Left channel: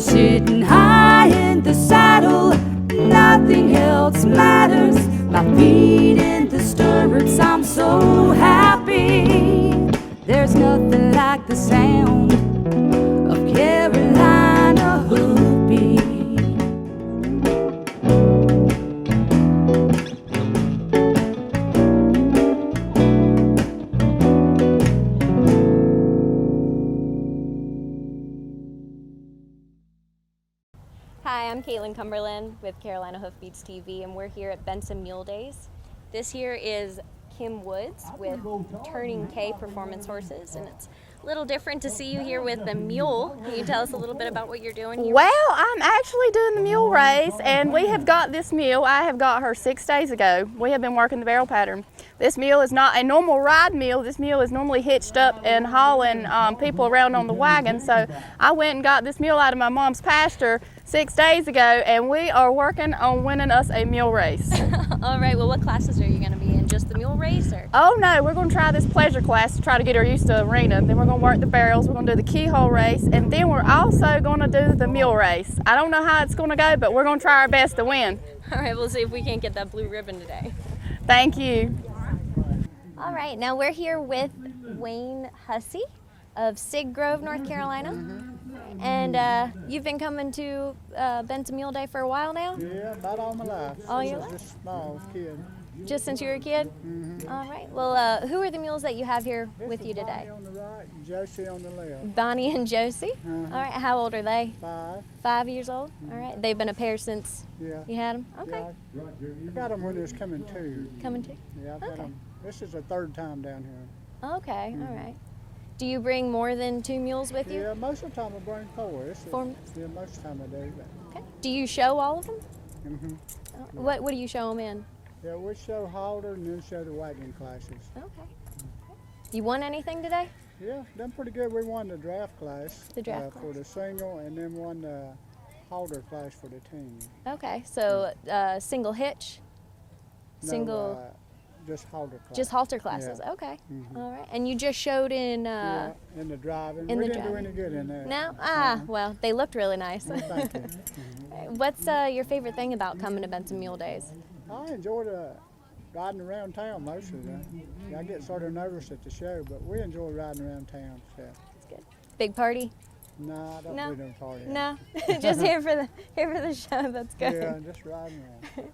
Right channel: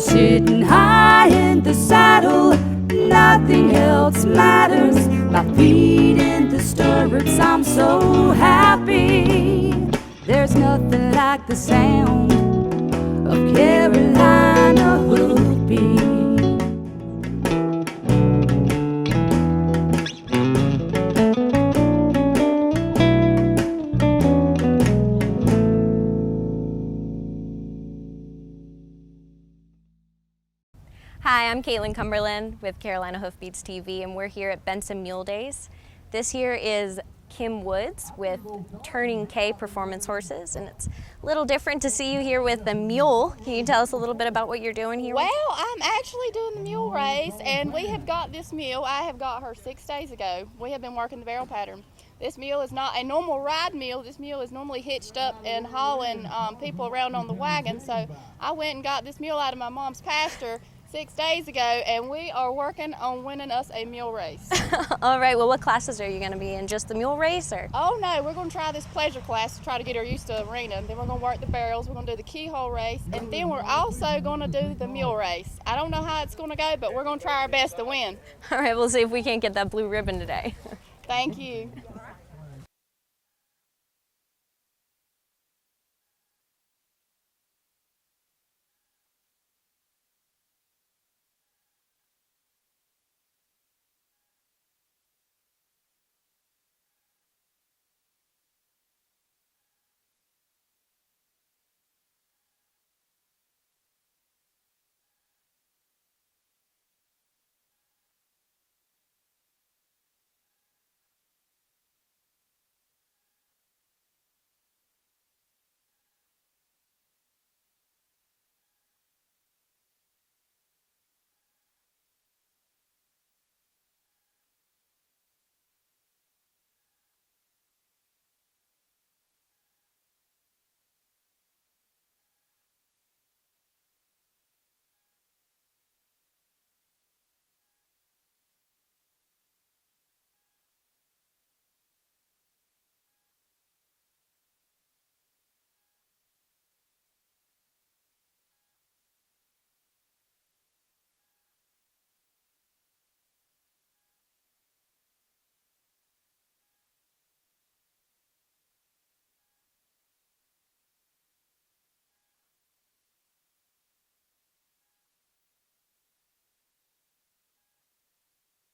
sitting high in the saddle, nothing else matters. My feet in the stirrups, I'm so happy. There's nothing like the sound of Carolina hoofbeat. Hi, I'm Caitlin Cumberland with Carolina Hoofbeats TV, and we're here at Benson Mule Days. This here is Kim Woods with Turning K Performance Horses, and it's a little different to see you here with the mule. Can you tell us a little bit about what you're doing here? Well, I'm actually doing the mule race, and we have got this mule. I have got her 6 days ago. We have been working the barrel pattern. This mule is not a normal ride mule. This mule is normally hitched up and hauling people around on the wagon. So I went and got this mule out of my mom's pasture 6 days ago, and we are working on winning us a mule race. All right, well, what classes are you going to be in? Just the mule race? Or? Oh no, we're going to try this pleasure class to try to get her used to arena. Then we're going to work the barrels, we're going to do the keyhole race, and then we're also going to do the mule race. I don't know how it's going to go, but we're going to try our best to win. All right, we'll see if we can't get that blue ribbon today. Thank you. All right, now we're here with Wayne Hussey of Sig Grove, North Carolina. And you've been coming to Benson Mule Day for a while now? Yeah, about all my life. All your life? Just small kid. Just since you were a kid? Mm-hmm. All right. Well, who are the mules that you have here with you today? Bonnie on the right and Josie on the left. Bonnie and Josie? Uh-huh. All right. How old are they? 5. 5 years old? All right. They've been a pair since Yeah. you had them? Okay. Yeah, I got them when they was coming too. Coming too? Yeah, I've had Okay. them. This is the 3rd time down here. Okay. All right. Do you bring more than 2 mules with you? Yeah, most of the time I bring 4. Yeah, most of the time I do. Okay. Do you show all of them? Mm-hmm. What do you show them in? Yeah, we show halter and then show the wagon classes. Okay. You won anything today? Yeah, done pretty good. We won the draft class. The draft for the single, and then won the halter class for the team. Okay. So single hitch? Single. No, just halter class. Just halter classes. Yeah. Okay. Mhm. All right. And you just showed in. Yeah, in the driving. in We the didn't do driving. any good in there. No. Ah. Well, they looked really nice. Well, thank you. Mhm. What's your favorite thing about coming to Benson Mule Days? I enjoy riding around town most of the time. Yeah, I get sort of nervous at the show, but we enjoy riding around town. So. That's good. Big party? No, I don't No. do no party. No. Just here for the show. That's good. Yeah, just riding around.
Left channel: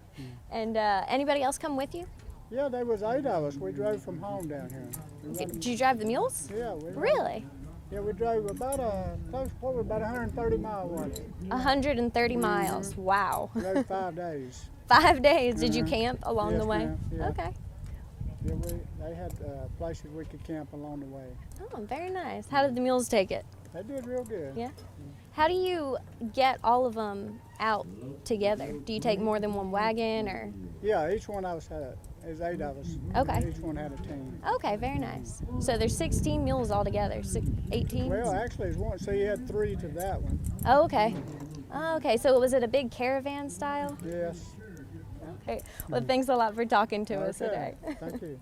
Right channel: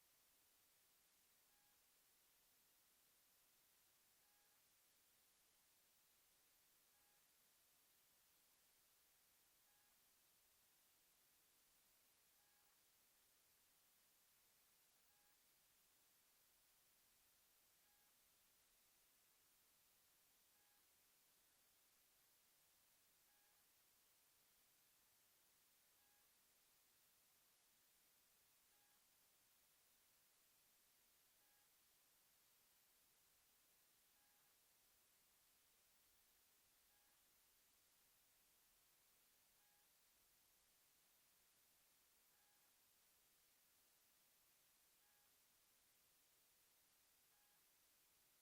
And anybody else come with you? Yeah, there was 8 of us. We drove from home down here. We run- Did you drive the mules? Yeah, we run- Really? Yeah, we drove about about 130 miles one. 130 miles. Wow. Drove 5 days. 5 days. Did you Mhm. camp along Yes, the way? ma'am. Yeah. Okay. Yeah, they had places we could camp along the way. Oh, very nice. How did the mules take it? They did real good. Yeah. How do you get all of them out together? Do you take more than one wagon or? Yeah, each one of us there's 8 of us. Okay. Each one had a team. Okay, very nice. So there's 16 mules altogether, 18? Well, actually, it's one. So you had 3 to that one. Oh, okay. Oh, okay, so was it a big caravan style? Yes. Okay. Well, thanks a lot for talking to us today. Thank you.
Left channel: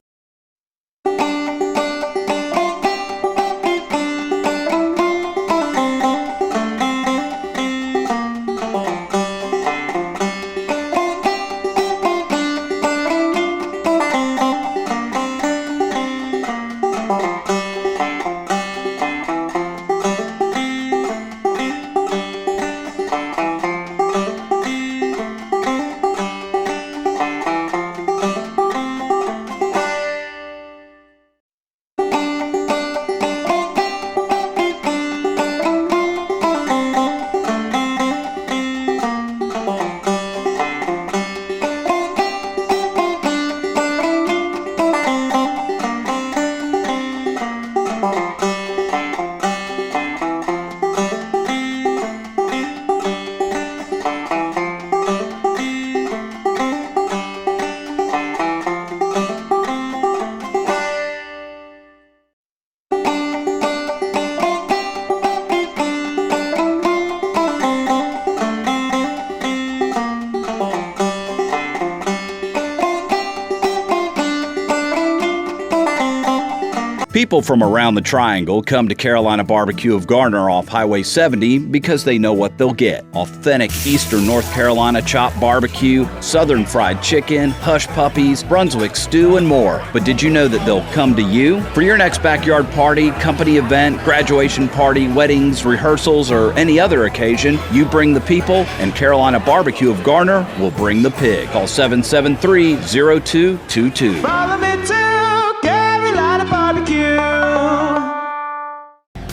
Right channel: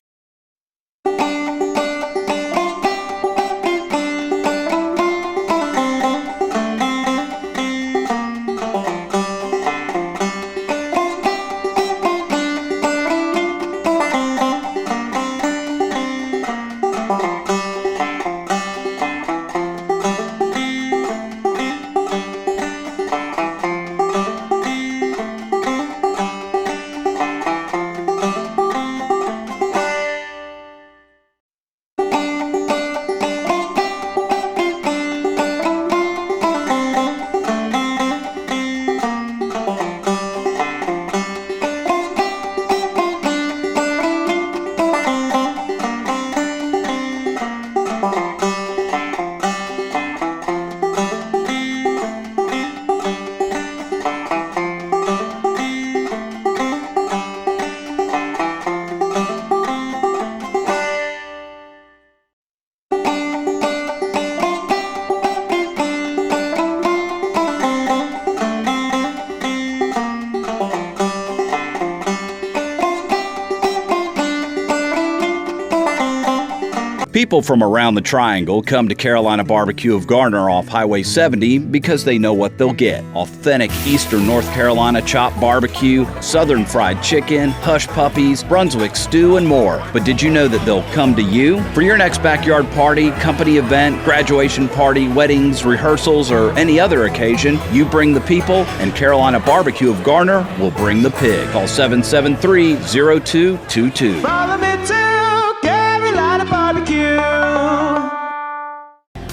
People from around the Triangle come to Carolina Barbecue of Garner off Highway 70 because they know what they'll get. Authentic Eastern North Carolina chopped barbecue, Southern fried chicken, hush puppies, Brunswick stew, and more. But did you know that they'll come to you? For your next backyard party, company event, graduation party, weddings, rehearsals, or any other occasion, you bring the people, and Carolina Barbecue of Garner will bring the pig. Call 773-0222. Follow me to Carolina Barbecue.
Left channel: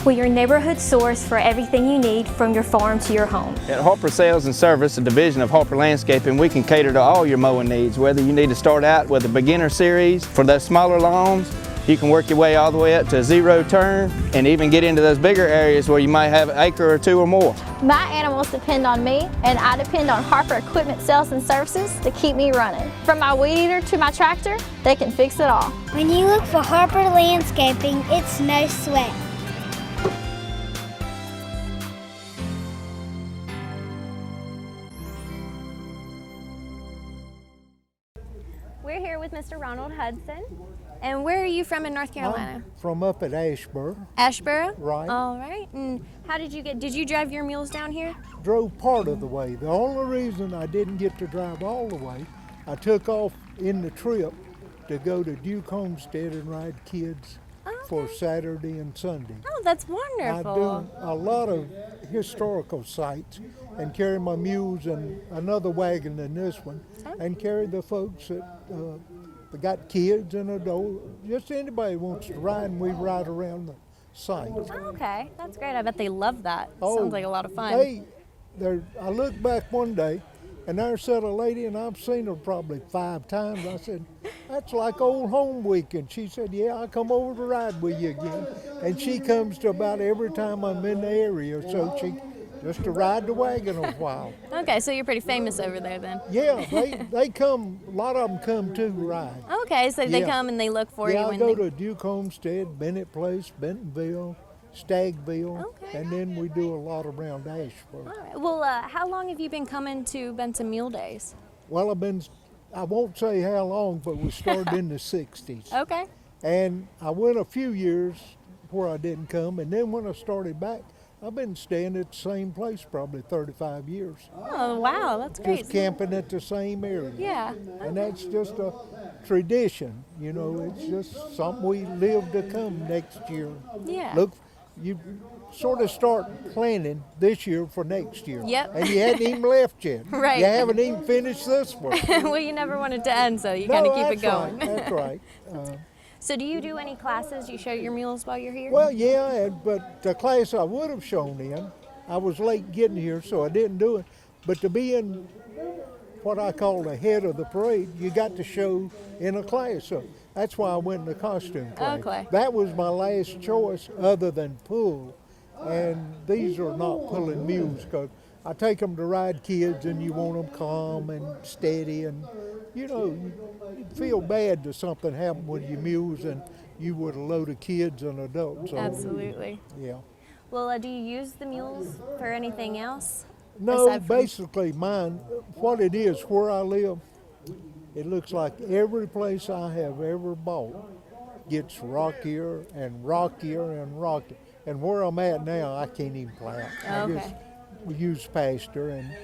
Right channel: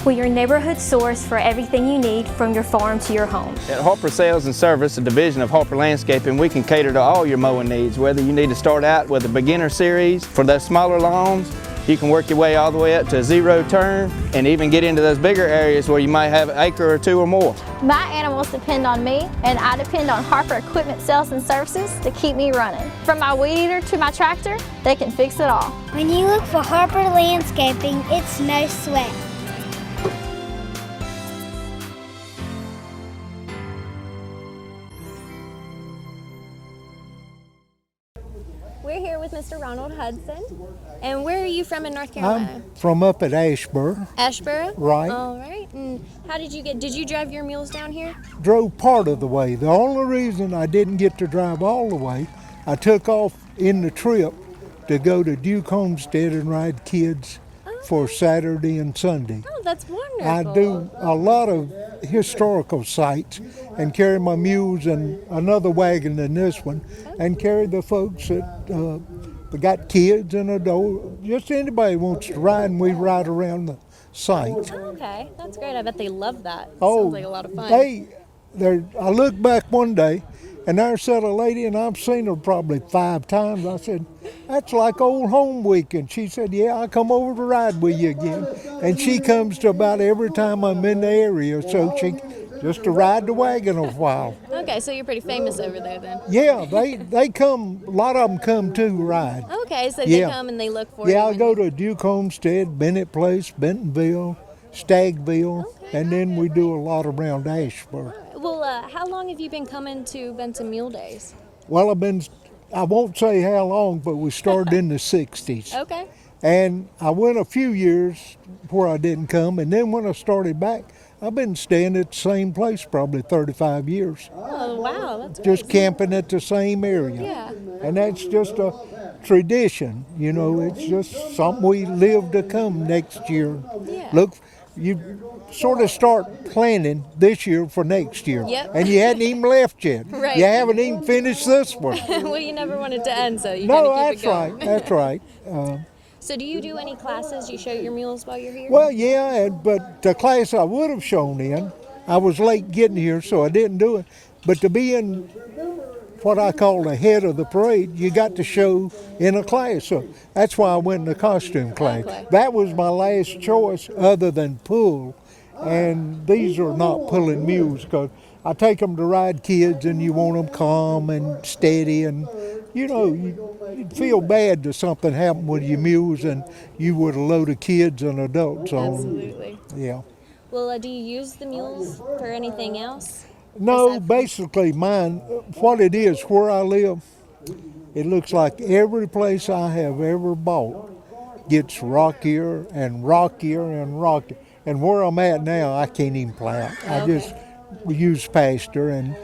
We're your neighborhood source for everything you need from your farm to your home. At Harper Sales and Service, a division of Harper Landscaping, we can cater to all your mowing needs. Whether you need to start out with a beginner series for those smaller lawns, you can work your way all the way up to a zero turn and even get into those bigger areas where you might have an acre or two or more. My animals depend on me, and I depend on Harper Equipment Sales and Services to keep me running. From my weed eater to my tractor, they can fix it all. When you look for Harper Landscaping, it's no sweat. We're here with Mr. Ronald Hudson. And where are you from in North Carolina? I'm from up at Asheboro. Asheboro? Right. All right. And how did you drive your mules down here? Drove part of the way. The only reason I didn't get to drive all the way, I took off in the trip to go to Duke Homestead and ride kids for Saturday and Sunday. Oh, that's wonderful. I do a lot of historical sites and carry my mules in another wagon than this one, and carry the folks that got kids and adults, just anybody wants to ride, and we ride around the site. Okay, that's great. I bet they love that. Oh, sounds like a lot of fun. I looked back one day, and there sat a lady, and I've seen her probably 5 times. I said, "That's like old home week." And she said, "Yeah, I come over to ride with you again." And she comes to about every time I'm in the area, so she just to ride the wagon a while. Okay, so you're pretty famous over there then. Yeah, they come, a lot of them come to ride. Okay, so they come and they look for you. Yeah, I go to Duke Homestead, Bennett Place, Bentonville, Stagville, and then we do a lot around Asheboro. Well, how long have you been coming to Benson Mule Days? Well, I won't say how long, but we started in the 60s. Okay. And I went a few years where I didn't come, and then when I started back, I've been staying at the same place probably 35 years. Oh, wow, that's great. Just camping at the same area. Yeah. And that's just a tradition, you know, it's just something we live to come next year. Yeah. Look, you sort of start planning this year for next year. Yep. And you hadn't even left yet. Right. You haven't even finished this one. Well, you never want it to end, so you kind of keep it going. That's right. So do you do any classes? You show your mules while you're here? Well, yeah, but the class I would have shown in, I was late getting here, so I didn't do it. But to be in what I call the head of the parade, you got to show in a class. So that's why I went in the costume class. Okay. That was my last choice other than pull. And these are not pulling mules, because I take them to ride kids, and you want them calm and steady, and you know, you'd feel bad if something happened with your mules and you would a load of kids and adults on. Absolutely. Yeah. Well, do you use the mules for anything else? No, basically mine, what it is, where I live, it looks like every place I have ever bought gets rockier and rockier and rockier. And where I'm at now, I can't even plow. I just use pasture, and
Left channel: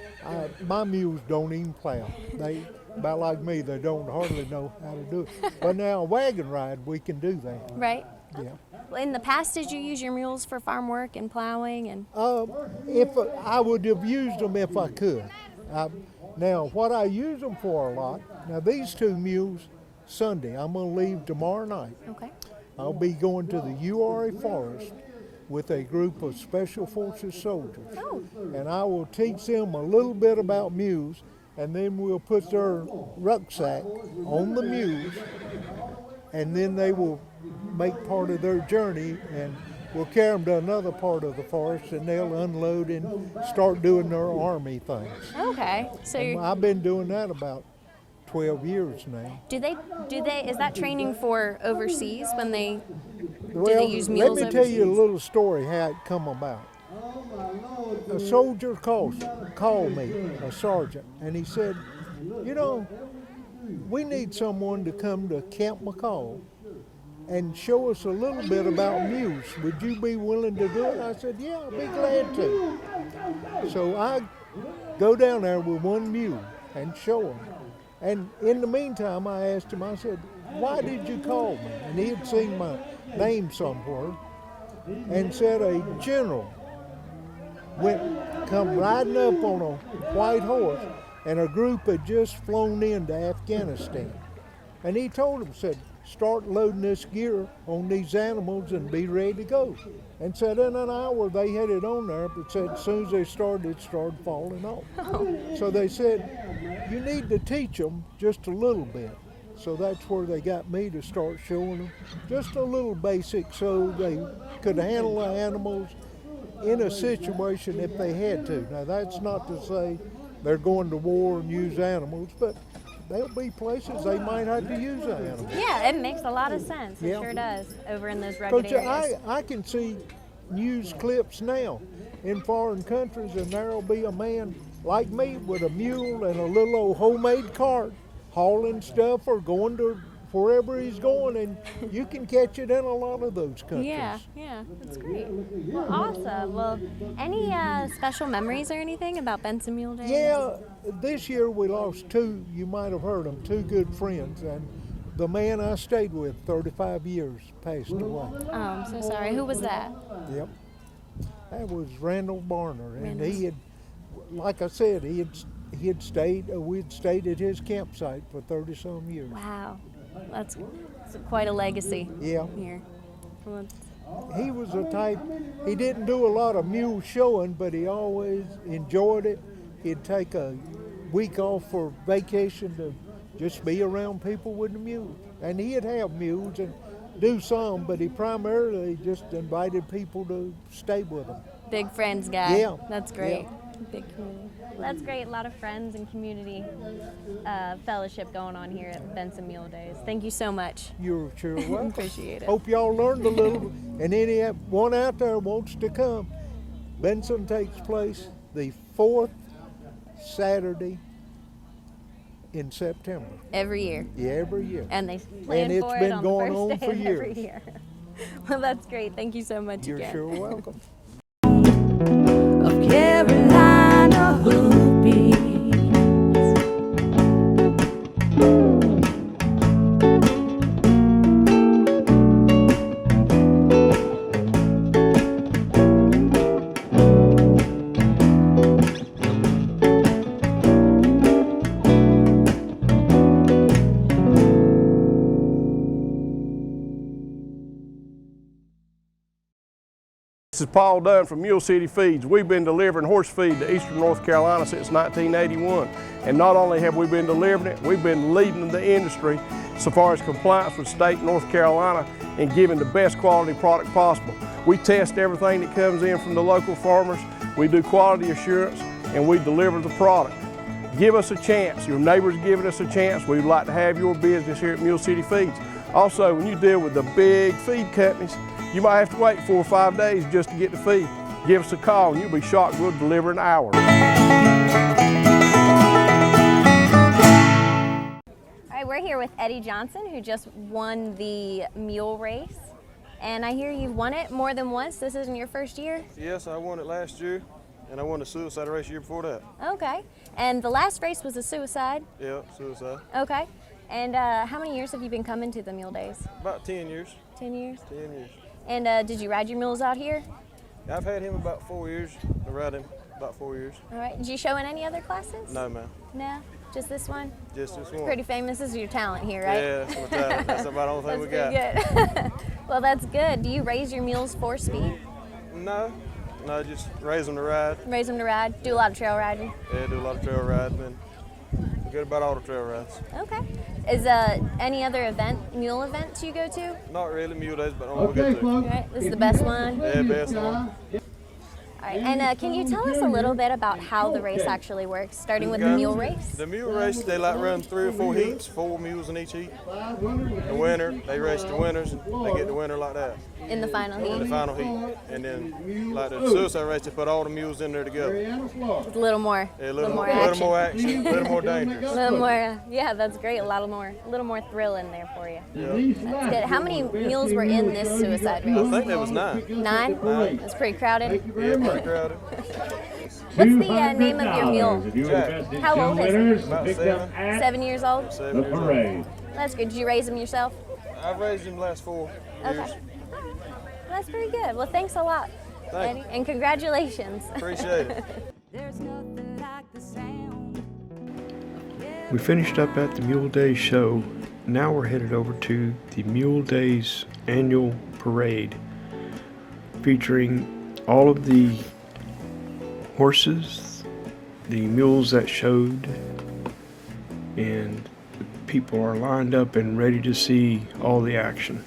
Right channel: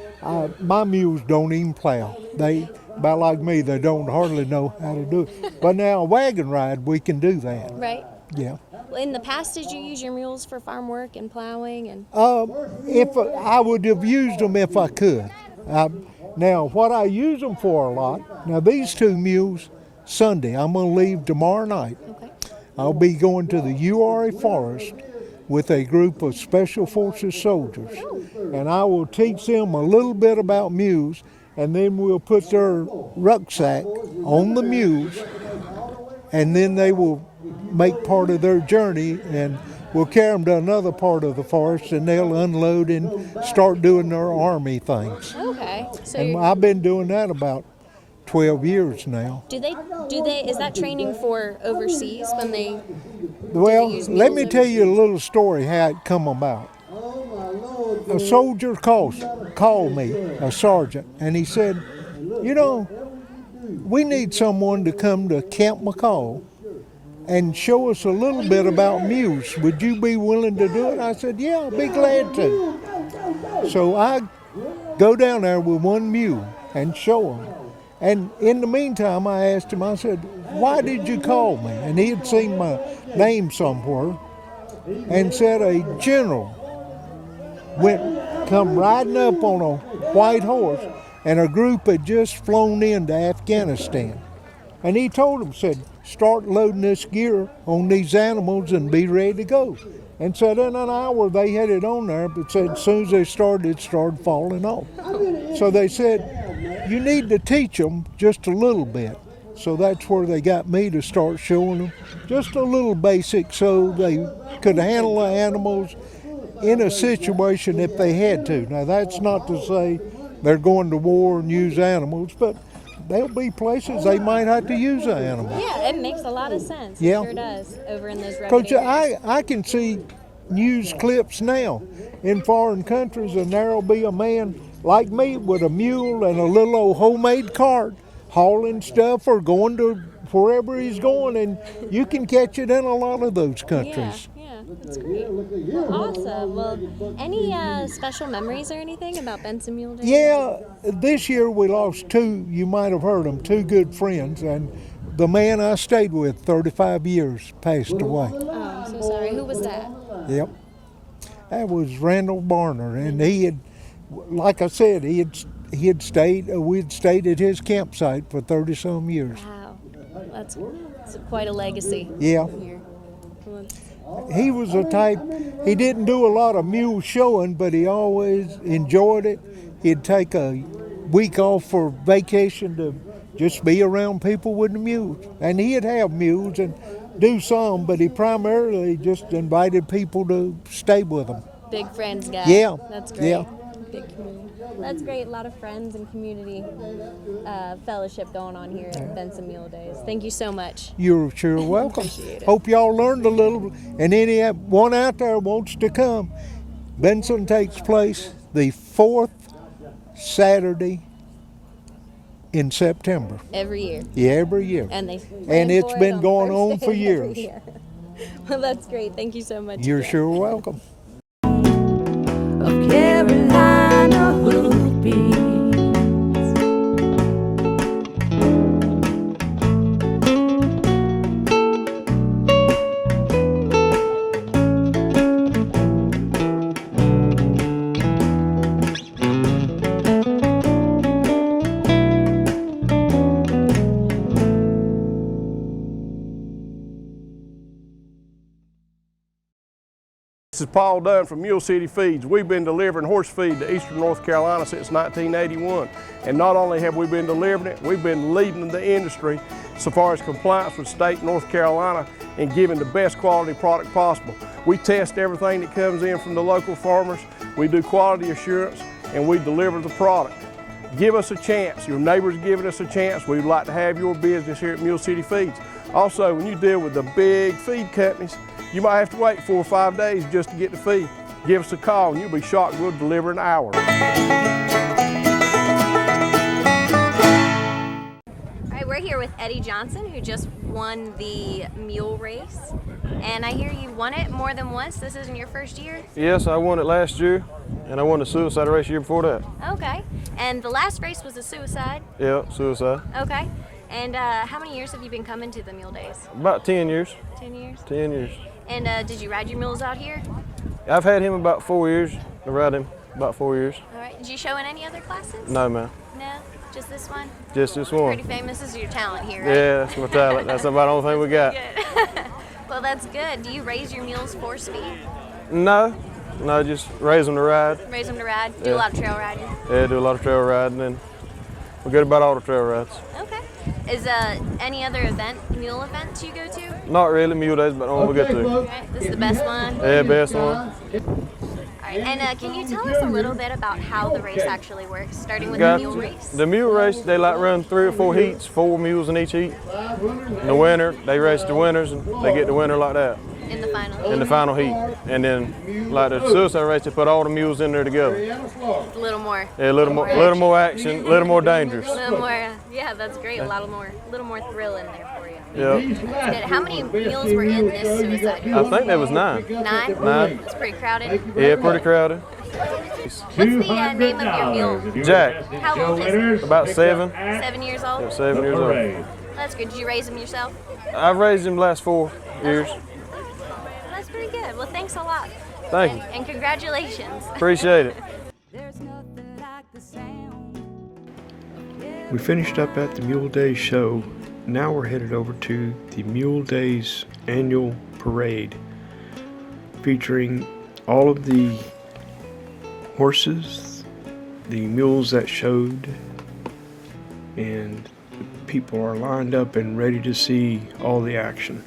my mules don't even plow. They, about like me, they don't hardly know how to do it. But now a wagon ride, we can do that. Right. Yeah. Well, in the past, did you use your mules for farm work and plowing? And If I would have used them if I could. Now, what I use them for a lot, now these 2 mules, Sunday, I'm going to leave tomorrow night. Okay. I'll be going to the URA Forest with a group of Special Forces soldiers. And I will teach them a little bit about mules, and then we'll put their rucksack on the mules, and then they will make part of their journey, and we'll carry them to another part of the forest, and they'll unload and start doing their army things. Okay. So And I've been doing that about 12 years now. do they, is that training for overseas when they, Well, use let mules me tell you a little story how it come about. A soldier called me, a sergeant, and he said, "You know, we need someone to come to Camp McCall and show us a little bit about mules. Would you be willing to do it? I said, yeah, I'll be glad to. So I go down there with one mule and show him. And in the meantime, I asked him, I said, why did you call me? And he had seen my name somewhere and said a general come riding up on a white horse, and a group had just flown into Afghanistan. And he told them, said, start loading this gear on these animals and be ready to go. And said in an hour they had it on there, but said as soon as they started, it started falling off. So they said, you need to teach them just a little bit. So that's where they got me to start showing them just a little basic so they could handle the animals in a situation if they had to. Now that's not to say they're going to war and use animals, but there'll be places they might have to use an animal. Yeah, it makes a lot of sense. Yeah. It sure does over in those rugged Coach, areas. I can see news clips now in foreign countries, and there'll be a man like me with a mule and a little old homemade cart hauling stuff or going to wherever he's going, and you can catch it in a lot of those countries. Yeah, that's great. Awesome. Well, any special memories or anything about Benson Mule Day? Yeah, this year we lost two, you might have heard them, two good friends, and the man I stayed with 35 years passed away. Oh, I'm so sorry. Who was that? Yep. That was Randall Barner, and he had, like I said, we'd stayed at his campsite for 30-some years. Wow. That's quite a legacy. Yeah. Here. He was a type, he didn't do a lot of mule showing, but he always enjoyed it. He'd take a week off for vacation to just be around people with the mules. And he'd have mules and do some, but he primarily just invited people to stay with him. Big friends guy. Yeah. That's great. Yeah. Big community. That's great. A lot of friends and community fellowship going on here at Benson Mule Days. Thank you so much. You're sure welcome. Appreciate it. Hope y'all learned a little, and anyone out there wants to come. Benson takes place the 4th Saturday in September. Every year. Yeah, every year. And it's been going on for years. Well, that's great. Thank you so much. You're again. sure welcome. Of Carolina hoofbeats. This is Paul Dunn from Mule City Feeds. We've been delivering horse feed to eastern North Carolina since 1981. And not only have we been delivering it, we've been leading the industry so far as compliance with state North Carolina and giving the best quality product possible. We test everything that comes in from the local farmers. We do quality assurance and we deliver the product. Give us a chance. Your neighbor's giving us a chance. We'd like to have your business here at Mule City Feeds. Also, when you deal with the big feed companies, you might have to wait 4 or 5 days just to get the feed. Give us a call and you'll be shocked we'll deliver in an hour. All right, we're here with Eddie Johnson, who just won the mule race. And I hear you've won it more than once. This isn't your first year? Yes, I won it last year, and I won the suicide race the year before that. Okay. And the last race was a suicide? Yeah, suicide. Okay. And how many years have you been coming to the Mule Days? About 10 years. 10 years? 10 years. And did you ride your mules out here? I've had him about 4 years. I ride him about 4 years. All right. Did you show in any other classes? No, ma'am. No? Just this one? Just this one. Pretty famous. This is your talent here, right? Yeah, that's my talent. That's about the only thing we got. Good. Well, that's good. Do you raise your mules for speed? No, just raise them to ride. Raise them to ride? Do a lot of trail riding? Yeah, do a lot of trail riding, and we're good about all the trail rides. Okay. Is any other mule events you go to? Not really, Mule Days, but all we get to. Okay. This is the best one? Yeah, best one. All right. And can you tell us a little bit about how the race actually works, starting with the mule race? The mule race, they like run 3 or 4 heats, 4 mules in each heat. In the winter, they race the winners, and they get the winner like that. In the final heat? In the final heat. And then, like the suicide race, they put all the mules in there together. A little more. Yeah, a little more action, a little more dangerous. A little more, yeah, that's great. A little more thrill in there for you. Yeah. That's good. How many mules were in this suicide group? I think there was 9. 9? 9. That's pretty crowded. Yeah, pretty crowded. What's the name of your mule? Jack. How old is it? About 7. 7 years old? Yeah, 7 years old. That's good. Did you raise him yourself? I've raised him the last 4 years. That's pretty good. Well, thanks a lot. Thank you. And congratulations. Appreciate it. There's nothing like the sound. We finished up at the Mule Days show. Now we're headed over to the Mule Days annual parade, featuring all of the horses, the mules that showed, and the people are lined up and ready to see all the action.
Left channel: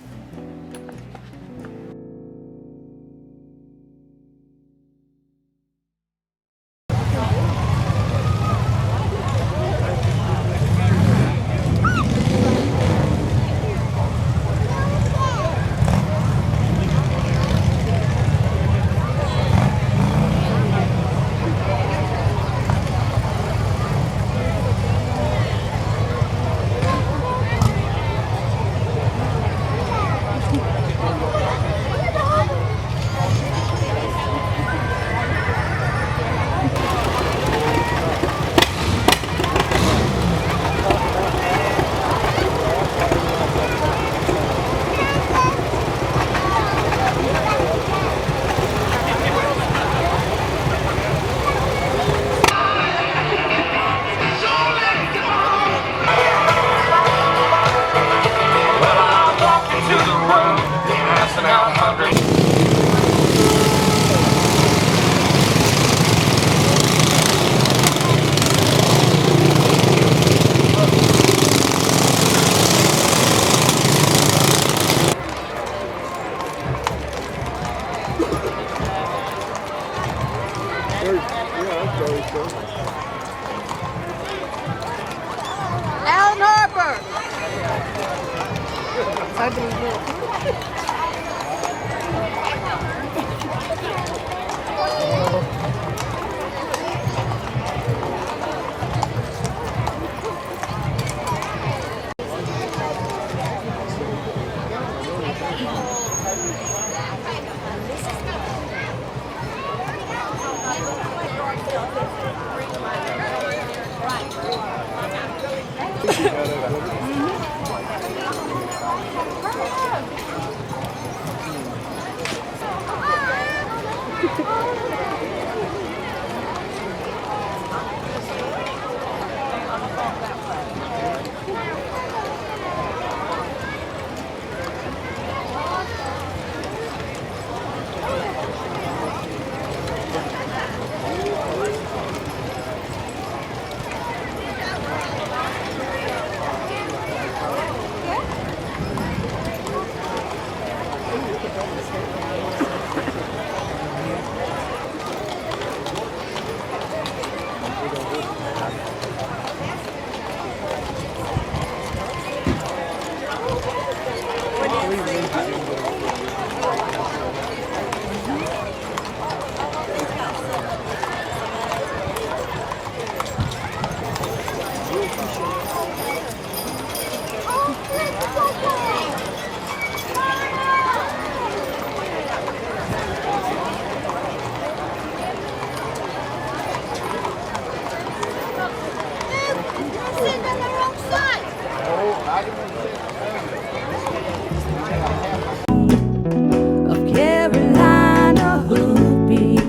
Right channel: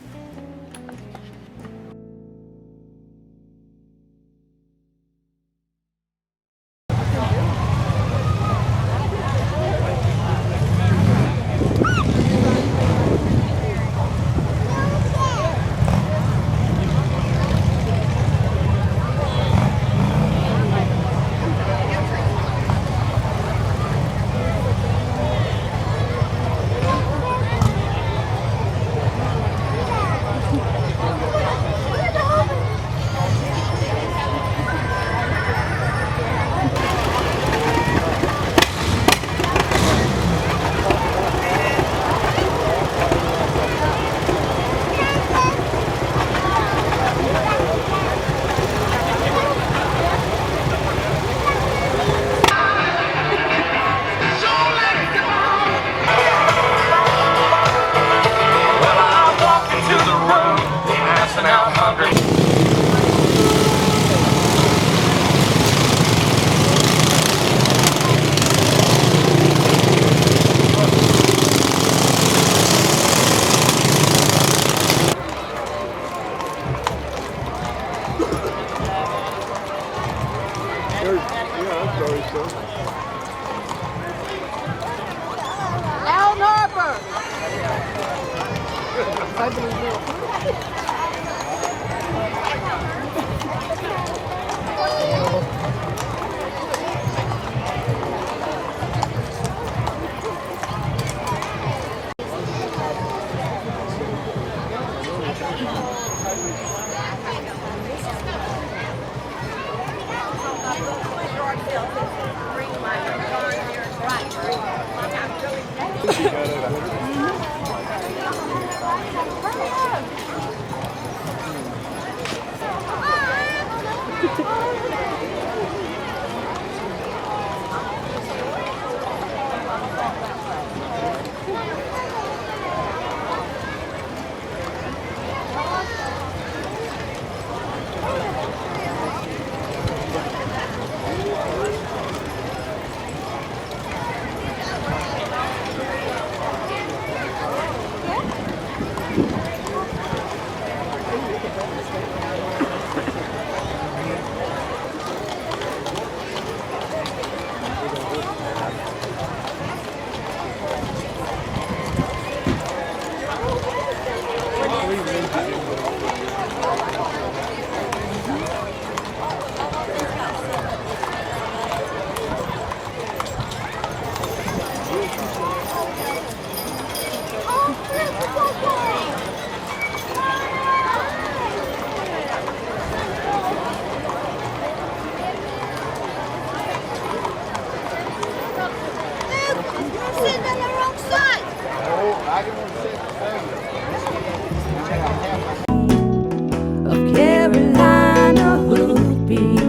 Of Carolina hoopies.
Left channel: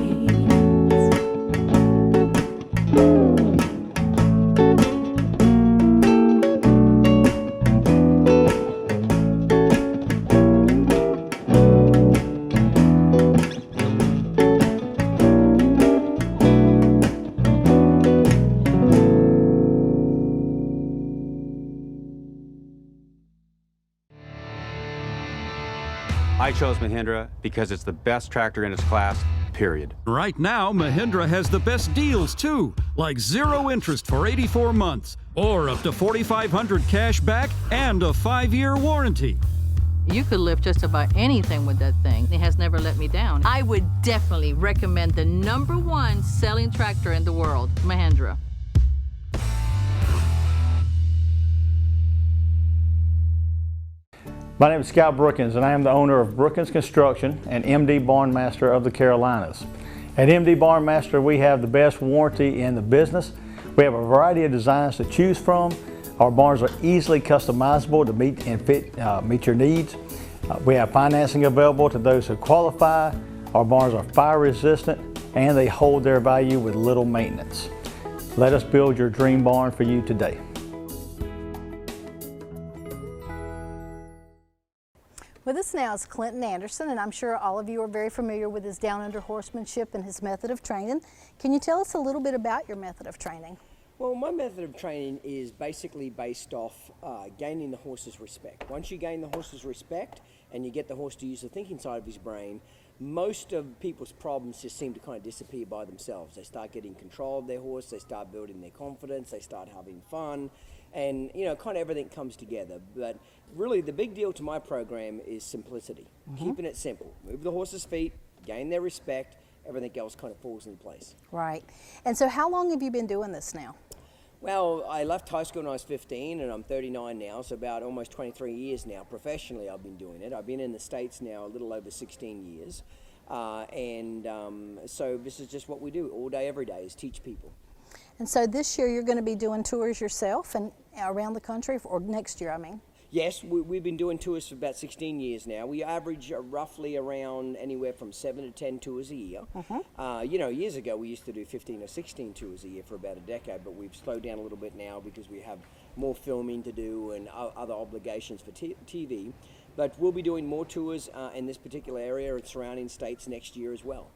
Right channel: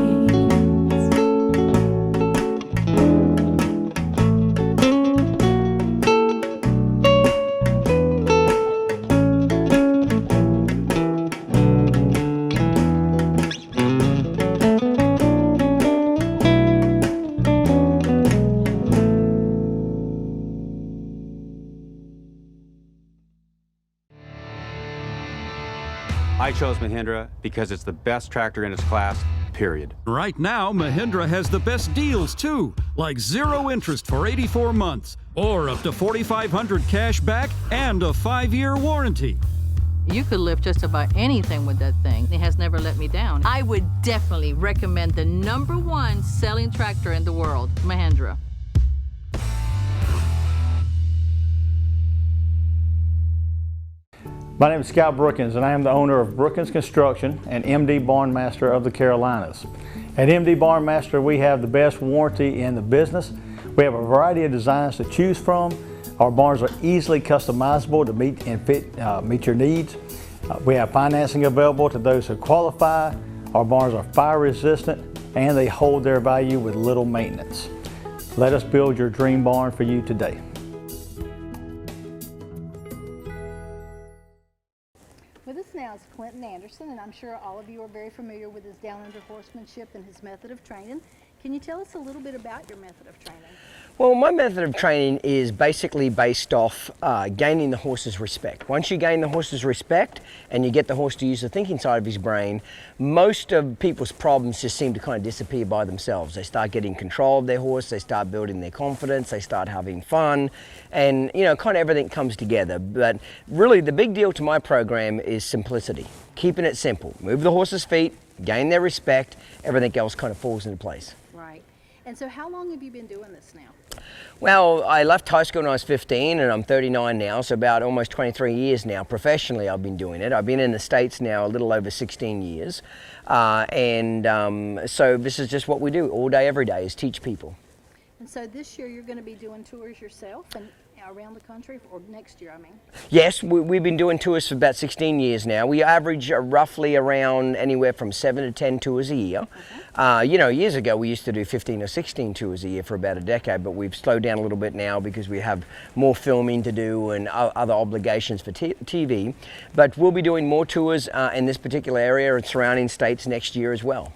I chose Mahindra because it's the best tractor in its class, period. Right now, Mahindra has the best deals too, like 0 interest for 84 months, or up to $4,500 cash back and a 5-year warranty. You could lift just about anything with that thing. It has never let me down. I would definitely recommend the #1 selling tractor in the world, Mahindra. My name is Scott Brookins, and I am the owner of Brookins Construction and MD Barn Master of the Carolinas. At MD Barn Master, we have the best warranty in the business. We have a variety of designs to choose from. Our barns are easily customizable to meet your needs. We have financing available to those who qualify. Our barns are fire resistant and they hold their value with little maintenance. Let us build your dream barn for you today. With us now is Clinton Anderson, and I'm sure all of you are very familiar with his Down Under Horsemanship and his method of training. Can you tell us a little bit about your method of training? Well, my method of training is basically based off gaining the horse's respect. Once you gain the horse's respect and you get the horse to use the thinking side of his brain, most of people's problems just seem to kind of disappear by themselves. They start getting control of their horse, they start building their confidence, they start having fun, and you know, kind of everything comes together. But really the big deal to my program is simplicity. Keeping it simple. Move the horse's feet, gain their respect, everything else kind of falls into place. Right. And so how long have you been doing this now? Well, I left high school when I was 15 and I'm 39 now, so about almost 23 years now. Professionally, I've been doing it. I've been in the States now a little over 16 years. So this is just what we do all day, every day, is teach people. And so this year you're going to be doing tours yourself and around the country, or next year, I mean? Yes, we've been doing tours for about 16 years now. We average roughly around anywhere from 7 to 10 tours a year. You know, years ago we used to do 15 or 16 tours a year for about a decade, but we've slowed down a little bit now because we have more filming to do and other obligations for TV. But we'll be doing more tours in this particular area and surrounding states next year as well.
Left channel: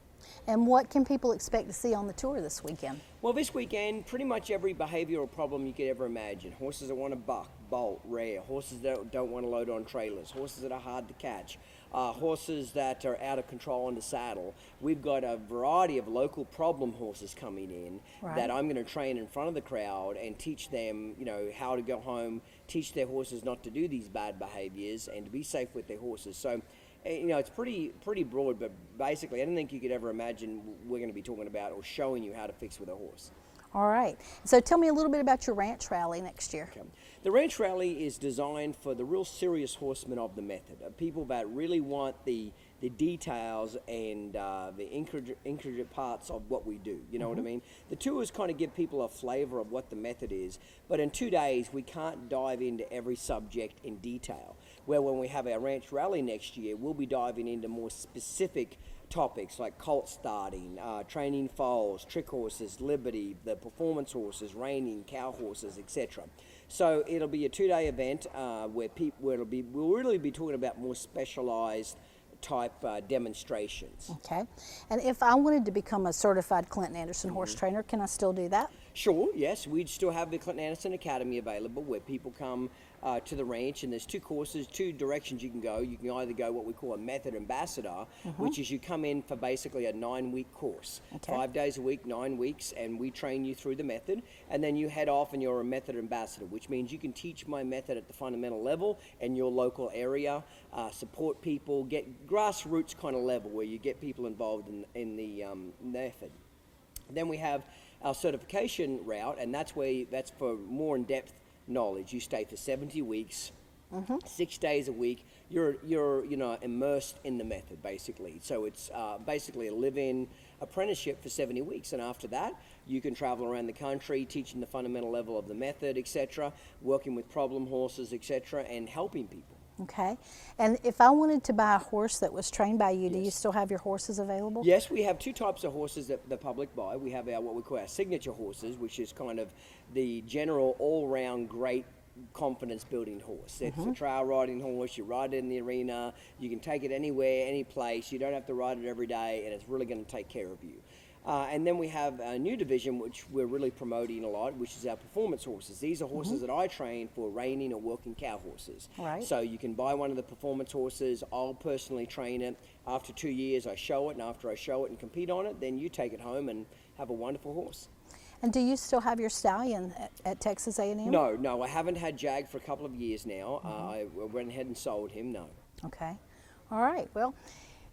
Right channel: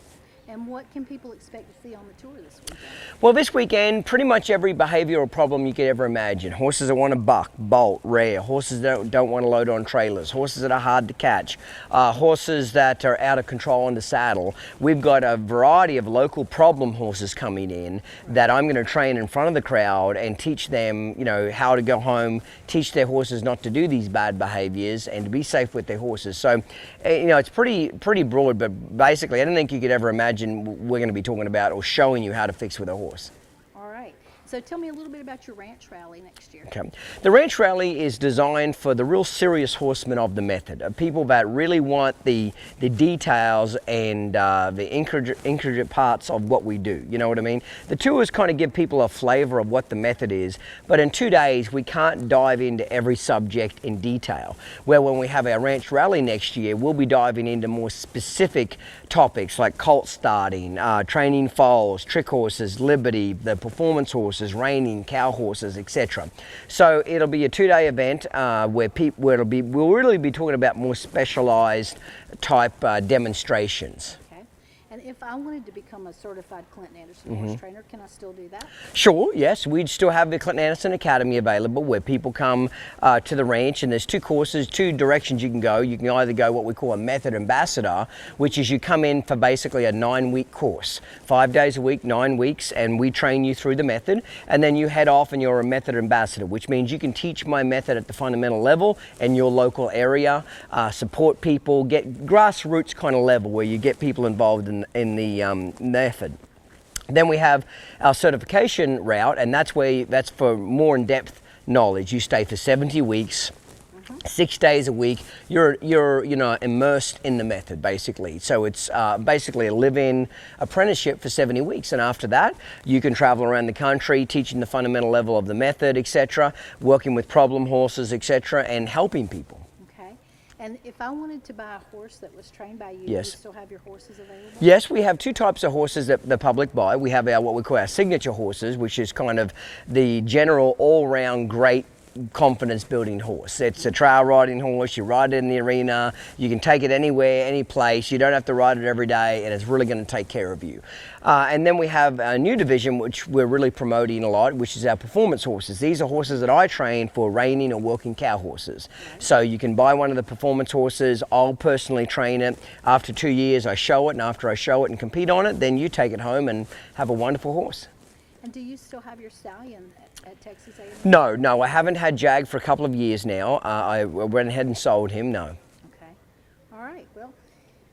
And what can people expect to see on the tour this weekend? Well, this weekend, pretty much every behavioral problem you could ever imagine. Horses that want to buck, bolt, rear, horses that don't want to load on trailers, horses that are hard to catch, horses that are out of control in the saddle. We've got a variety of local problem horses coming in that I'm going to train in front of the crowd and teach them, you know, how to go home, teach their horses not to do these bad behaviors and to be safe with their horses. So, you know, it's pretty broad, but basically I don't think you could ever imagine we're going to be talking about or showing you how to fix with a horse. All right. So tell me a little bit about your ranch rally next year. Okay. The ranch rally is designed for the real serious horsemen of the method, people that really want the details and the intricate parts of what we do. You know what I mean? The tours kind of give people a flavor of what the method is, but in 2 days we can't dive into every subject in detail. Where when we have our ranch rally next year, we'll be diving into more specific topics like colt starting, training foals, trick horses, liberty, the performance horses, reining, cow horses, etc. So it'll be a 2-day event where we'll really be talking about more specialized type demonstrations. Okay. And if I wanted to become a certified Clinton Anderson horse trainer, can I still do that? Sure, yes. We'd still have the Clinton Anderson Academy available where people come to the ranch, and there's 2 courses, 2 directions you can go. You can either go what we call a method ambassador, which is you come in for basically a 9-week course, 5 days a week, 9 weeks, and we train you through the method, and then you head off and you're a method ambassador, which means you can teach my method at the fundamental level in your local area, support people, get grassroots kind of level where you get people involved in the method. Then we have our certification route, and that's for more in-depth knowledge. You stay for 70 weeks, 6 days a week. You're you know, immersed in the method basically. So it's basically a live-in apprenticeship for 70 weeks, and after that you can travel around the country teaching the fundamental level of the method, etc., working with problem horses, etc., and helping people. Okay. And if I wanted to buy a horse that was trained by you, Yes. do you still have your horses available? Yes, we have 2 types of horses that the public buy. We have what we call our signature horses, which is kind of the general all-round great confidence building horse. It's a trail riding horse. You ride it in the arena. You can take it anywhere, any place. You don't have to ride it every day, and it's really going to take care of you. And then we have a new division which we're really promoting a lot, which is our performance horses. These are horses that I train for reining or working cow horses. Right. So you can buy one of the performance horses. I'll personally train it. After 2 years I show it, and after I show it and compete on it, then you take it home and have a wonderful horse. And do you still have your stallion at Texas A&M? No, I haven't had Jag for a couple of years now. I went ahead and sold him, no. Okay. All right. Well,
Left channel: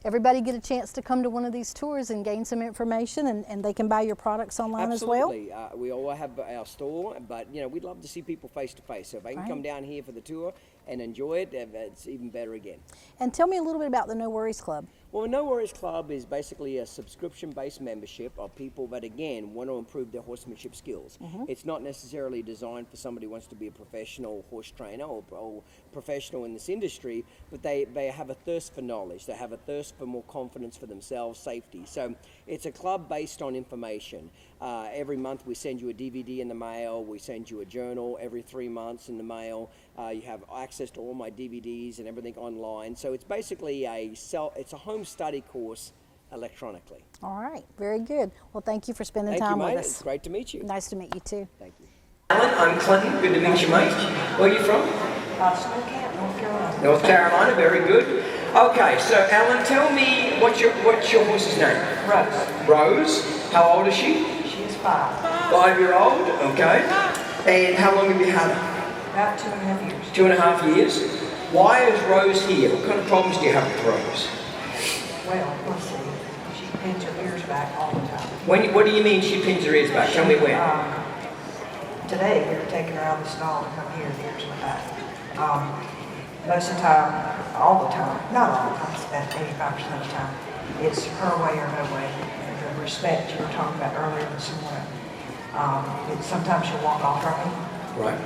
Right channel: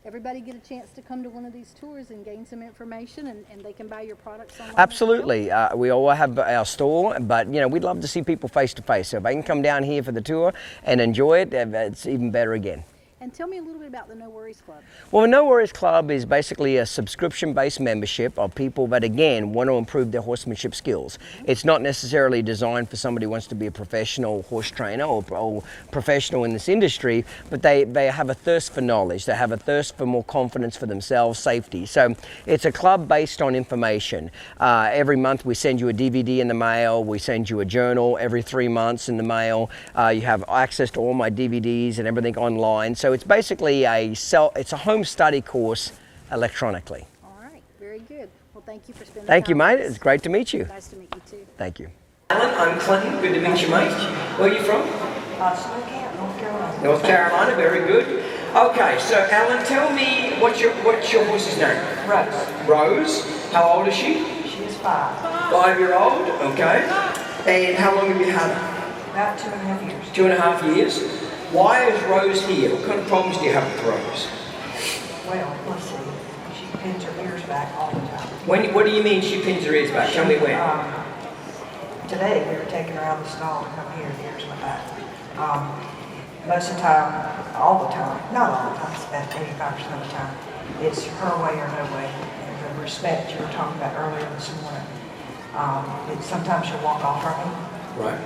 everybody get a chance to come to one of these tours and gain some information, and they can buy your products online Absolutely. as well? We all have our store, but we'd love to see people face to face. So if they can come down here for the tour and enjoy it, it's even better again. And tell me a little bit about the No Worries Club. Well, the No Worries Club is basically a subscription-based membership of people that, again, want to improve their horsemanship skills. It's not necessarily designed for somebody who wants to be a professional horse trainer or professional in this industry, but they have a thirst for knowledge. They have a thirst for more confidence for themselves, safety. So it's a club based on information. Every month we send you a DVD in the mail. We send you a journal every 3 months in the mail. You have access to all my DVDs and everything online. So it's basically it's a home study course electronically. All right, very good. Well, thank you for spending Thank time you, mate. with us. It's great to meet you. Nice to meet you too. Thank you. Alan, I'm Clinton. Good to meet you, mate. Where are you from? North Carolina. North Carolina. Very good. Okay, so Alan, tell me what's your horse's name? Rose. Rose. How old is she? She is 5. 5-year-old. Okay. And how long have you had her? About 2.5 years. 2.5 years. Why is Rose here? What kind of problems do you have with Rose? Well, let's see. She pins her ears back all the time. What do you mean she pins her ears back? Tell me when. Today we were taking her out of the stall to come here, the ears went back. Most of the time, all the time, not all the time, it's about 85% of the time, it's her way or no way. And the respect you were talking about earlier this morning. Sometimes she'll walk off from me. Right.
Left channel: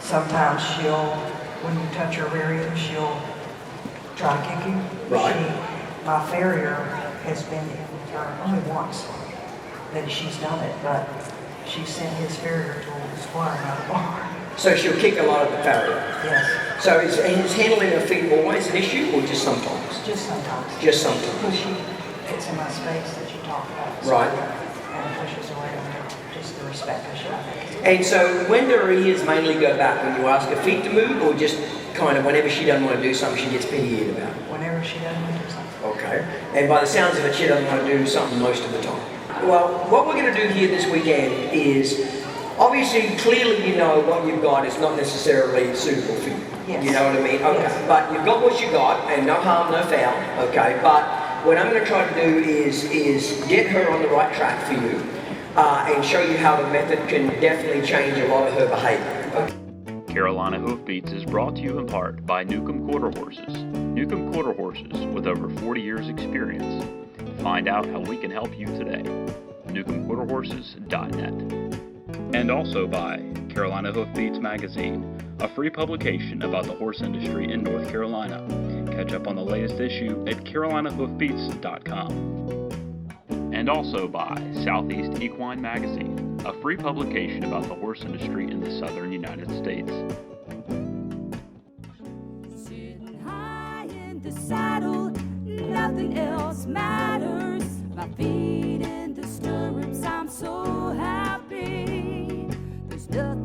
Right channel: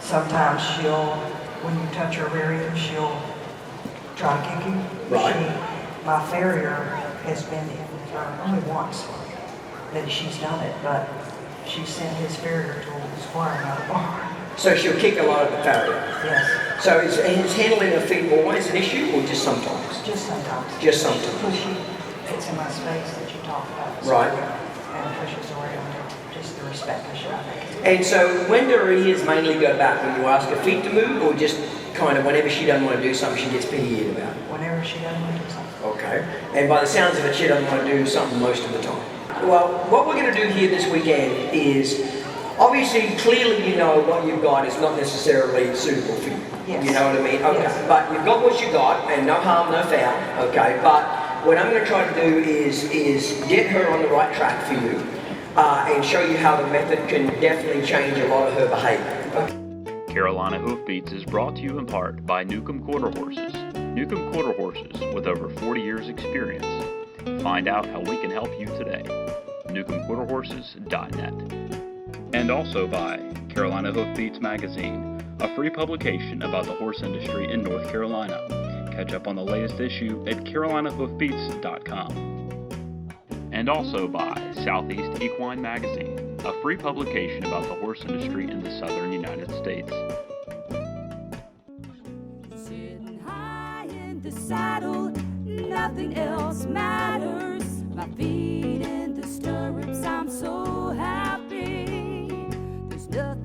Sometimes when you touch her rear end, she'll try to kick you. Right. My farrier has been in with her only once that she's done it, but she sent his farrier to squire out of the barn. So she'll kick a lot at the farrier? Yes. So is handling her feet always an issue, or just sometimes? Just sometimes. Just sometimes. Because she gets in my space that you talked about. Right. And pushes away on her. Just the respect issue, I think. And so when do her ears mainly go back? When you ask her feet to move, or just kind of whenever she doesn't want to do something, she gets pity-eared about it? Whenever she doesn't want to do something. Okay. And by the sounds of it, she doesn't want to do something most of the time. Well, what we're going to do here this weekend is, obviously, clearly you know what you've got is not necessarily suitable for you. Yes. You know what I mean? Okay. Yes. But you've got what you got, and no harm, no foul. Okay. But what I'm going to try to do is get her on the right track for you, and show you how the method can definitely change a lot of her behavior. Okay. Carolina Hoofbeats is brought to you in part by Newcomb Quarter Horses. Newcomb Quarter Horses with over 40 years experience. Find out how we can help you today. NewcombQuarterHorses.net. And also by Carolina Hoofbeats Magazine, a free publication about the horse industry in North Carolina. Catch up on the latest issue at CarolinaHoofbeats.com. And also by Southeast Equine Magazine, a free publication about the horse industry in the southern United States. Sitting high in the saddle, nothing else matters. My feet in the stirrups, I'm so happy. There's nothing